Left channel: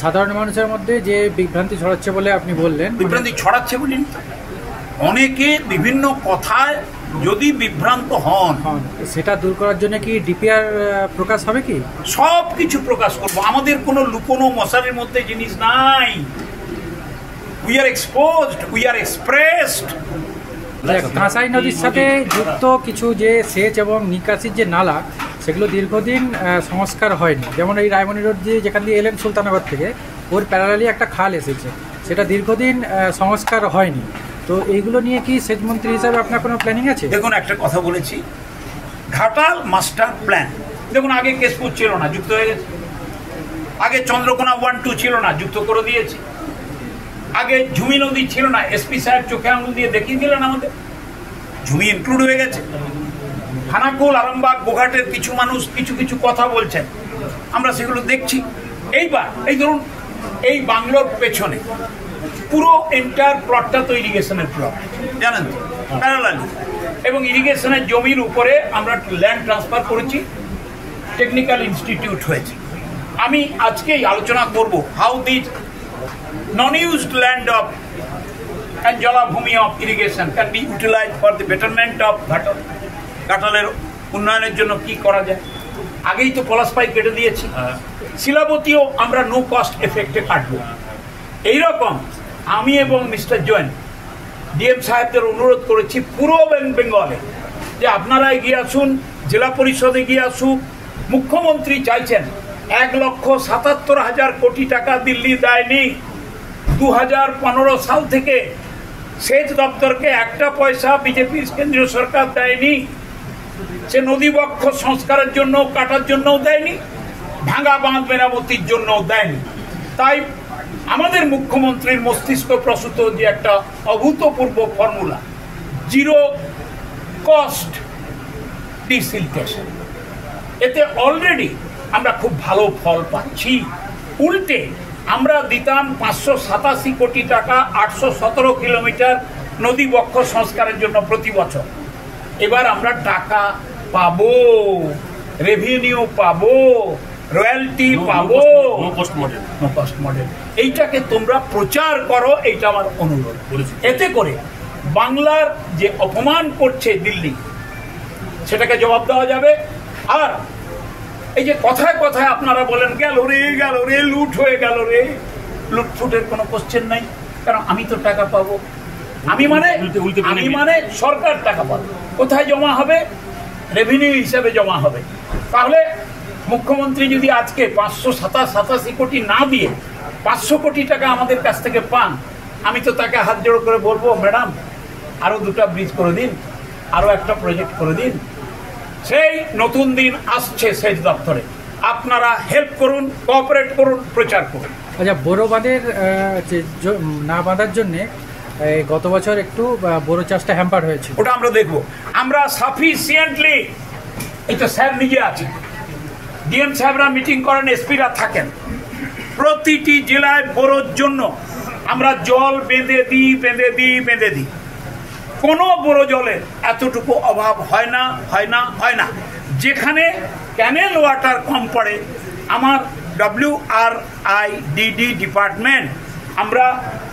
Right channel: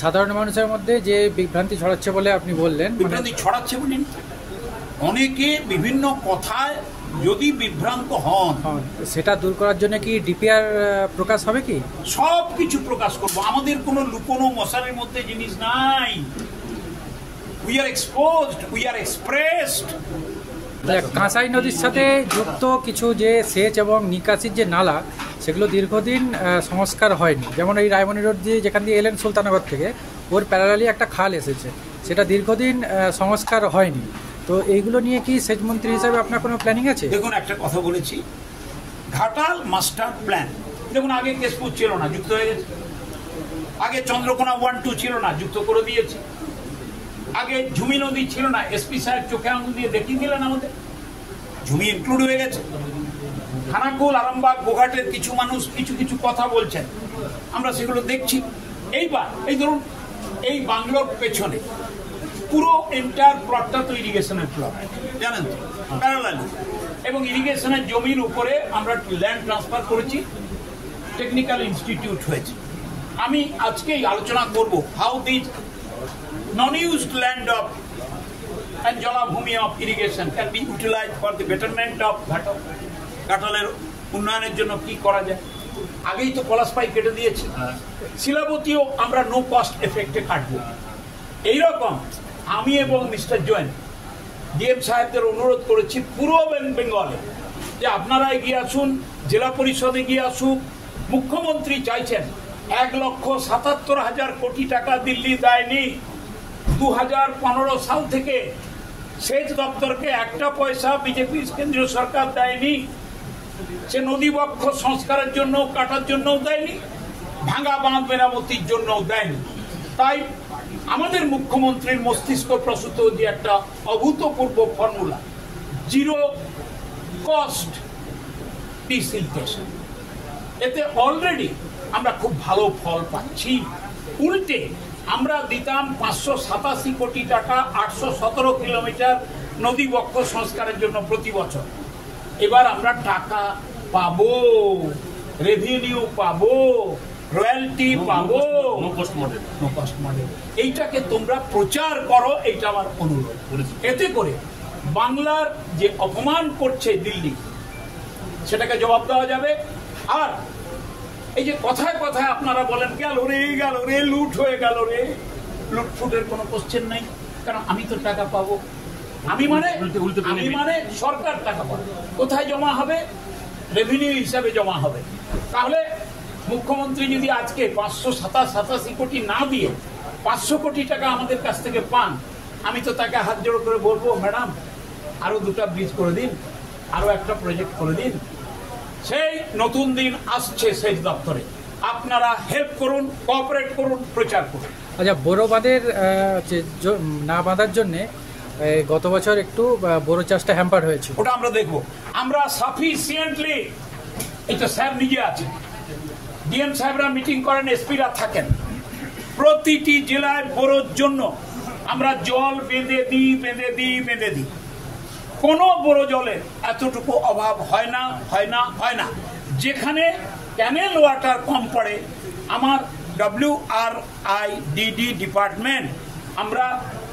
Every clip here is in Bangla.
সাধারণ মানুষের মধ্যে যে বিভ্রান্তি ছড়াচ্ছে বলে আপনি বললেন, বিভ্রান্তি ছড়াচ্ছে বলিনি, অনেকে বিভিন্ন কথায় যদি বিভ্রান্ত হন সেটা দূর করার জন্য কি ডিপিআর প্রকাশ হবে? কি সব কিছু প্রকাশ করব, আমাদের কোনো লুকোনো মশারির মধ্যে জিনিস নাই। We are exposed, we are expressed. Kansai নদীর সাথে যুক্ত কিছু যে সেচ এবং নিকাশির যে নালা, সেগুলো দীর্ঘদিন সংস্কার হয়নি। যেমন এই রায়মণি রোড দিয়ে যেখান দিয়ে এলেন সুলতানাবাদ থেকে, ওর প্যারালালি একটা খাল এসেছে, সেটা দীর্ঘদিন সংস্কার হয়নি। তো এইগুলো নিয়ে কি সেচ মন্ত্রী হিসাবে আপনার কোনো প্ল্যানিং আছে? দেখুন, একটা কথা বলেছি, ঘাটাল মাস্টার প্ল্যান। দেখুন, আগে কেশপুর ছিল না, যুক্ত হয়ে গেছে। আগে চন্দ্রকোনা 1-2 ছিল না, যুক্ত করে দিয়েছে। আগে ঝুমি নদী ছিল না, এসপি সাহেব চোখে আঙুল দিয়ে দেখিয়ে দিলেন আমাদের, ঝুমি ইনক্লুড হয়ে গেছে। খানাকুল, আরামবাগ, গোঘাটের কিছু মানুষ কিছু কিছু কথা বলছেন, আমরা সেগুলো দেখছি। এইবার এই ধরুন, এই বাংলোর পেছনে পুরো এন্টার প্লটটা তো ইরিগেশনের প্লট, জানেন তো, প্যারালালি। এবং ইরিগেশনের জমির উপরে আমরা ল্যান্ড ট্রান্সফার করেছি, টেকনিক্যাল ইনস্টিটিউট হয়েছে। আমি আজকেই আলোচনা করব how this non-used land of and জলাভূমি of irrigation can be utilized for the betterment of ঘাটালের উন্নয়নের জন্য কি করা যায়। আগেই তো পলাশ পাইপ কেটে দিয়েছি, শিলাবতীও আমরা নো কস্ট এফেক্টে কাটবো। এইরকম আমি এবং মিস্টার জৈন ডিএম সাহেবদের অনুরোধ করেছি পুরো বেঙ্গলে যে আপনারা এগিয়ে আসুন, জেলা পরিষদে এগিয়ে আসুক। মুখ্যমন্ত্রী চাইছেন 1,77,000 কোটি টাকা দিল্লি দেয়নি। 2015 সাল থেকে সেচ দপ্তরকে একটা পয়সা বিজেপির কেন্দ্রীয় সরকার দেয়নি। সে নদী বক্ষ সংস্কারের জন্য, কাটার জন্যও দেয়নি, ভাঙা বাঁধ মেরামতির জন্যও দেয়নি। তাই আমাদের মুখ্যমন্ত্রীর মস্তিষ্ক প্রসূত যে একটা অভূতপূর্ব ফর্মুলা, জিরো কস্ট ডিসিলটেশন, এতে অলরেডি আমরা খুব ভালো ফল পাচ্ছি। উল্টে আমরা দিতাম 587 কোটি টাকা 817 কিলোমিটার নদী বক্ষ সংস্কারের জন্য প্রতি বছর। এবার আমরা টাকা পাবো, রেভিনিউ পাবো, রয়্যালটি পাবো, নো কস্ট মডেল। এইটাকে তোমরা প্রচার করো, এইটা আমার অনুরোধ। এতে করে বাংলার যে অপমান করছে দিল্লি, সেটাকে জবাব দেওয়া যাবে। আর এই যে কথায় কথায় আপনারা বলেন গেল রে লুট হয়ে গেল রে, লুটফুটের কোনো কোশ্চেন নাই, কারণ আমি তো টাকা পাবো। আমি মানে সরকার টাকা পাবে। কোথায় জমা হবে? রেভিনিউ হিসাবে জমা হবে। তাহলে মুখ্যমন্ত্রী যদি আজকে 587 কোটি না দিয়ে 500 কোটি টাকা আমাদের কাছ থেকে পান, আমি তো তাকে হাত জোড়ো করে বলবো, ম্যাডাম আরো 2টা ব্রিজ করে দিন, আরো একটা প্রজেক্ট করে দিন। সেই নতুন দিন আসছে সেচ দপ্তরে, আপনারা হেল্প করুন, কোঅপারেট করুন, প্রচার করুন। আচ্ছা, বোরো বাঁধের না বাঁধার জন্য গত বছর একটু বোরো চাষটা হ্যাম্পার হয়েছে, ওটা আমরা দেখবো। আমরা সাফিসিয়েন্টলি, এটা স্যার নিজে আছে, ডিএম সাহেবরা মিটিং করেন, এসপিরা থাকেন, প্রতিটি জেলায় বোরোর জন্য আমরা জল বেঁধে দিই। কোনো বোরো জলের এতটুকু অভাব হয় না। যেখানে ক্যানেল ওয়াটার কম পড়ে, আমার WRIDD ডিপার্টমেন্ট আমরা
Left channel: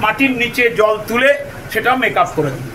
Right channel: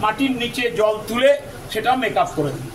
মাটির নিচে জল তুলে সেটা মেকআপ করে দিই।